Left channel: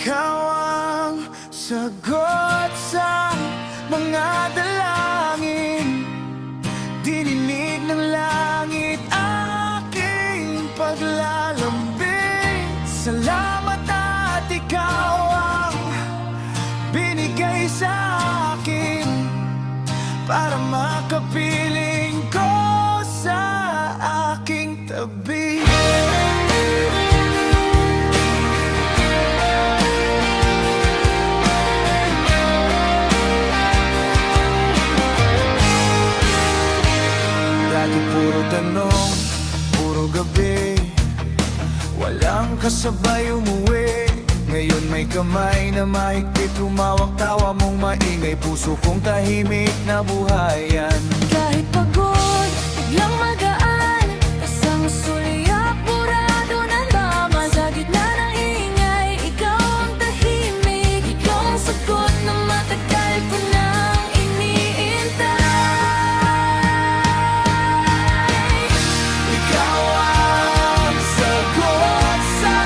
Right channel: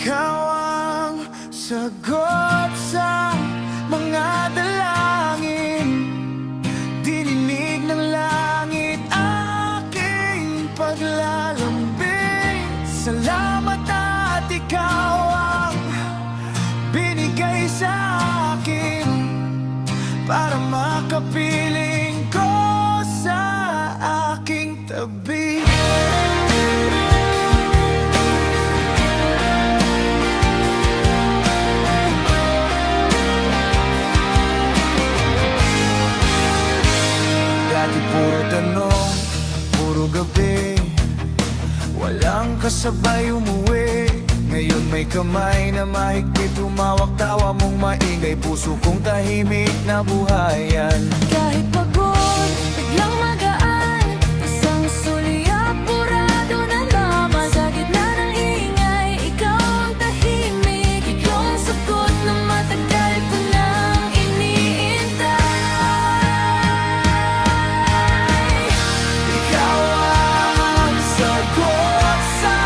Ikaw ang sagot sa mga dalangin. Dininig ng langit aking paglalambing. Salamat at ikaw ang binigay sa akin para makapiling ko sa aking tabi. Dati puro tanong, puro gabi, walang kasabay umuwi. Ngayon may kamay na mahigpit, humawak tawa mong maingay. Puso kong tahimik na buhayan. Kahit pagod, biglang magaan, isang sulyap, burado na laman. Sa gitna ng ingay, ikaw ang tahimik. Ikaw ang sagot na matagal ko nang iniintay. Ikaw ang sagot sa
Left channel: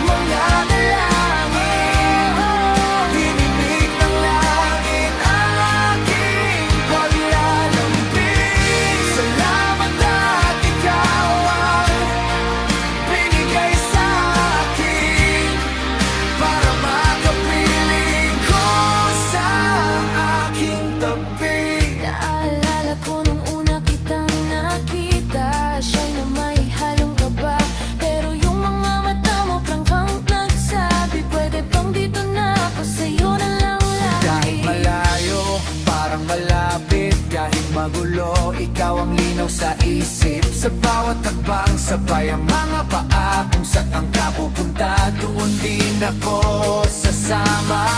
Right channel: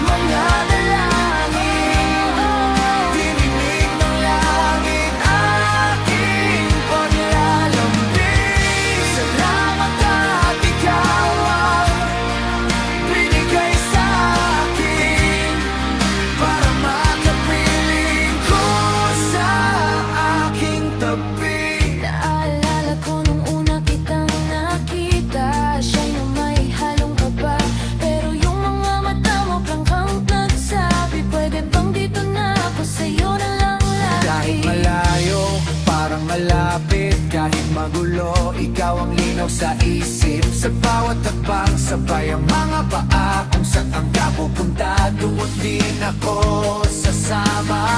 mga dalangin. Dininig ng langit aking paglalambing. Salamat at ikaw ang binigay sa akin para makapiling ko sa aking tabi. Naalala ko nung una kitang nakita, siya'y na may halong kaba. Pero yung mga mata mo prangkang nagsabi, pwede bang dito na ako, sa'yo na lang lagi. Kahit malayo, parang malapit. Kahit magulo, ikaw ang linaw sa isip. Sa bawat hakbang, sabay ang mga paa. Kung saan ka pupunta, doon din ako sasama.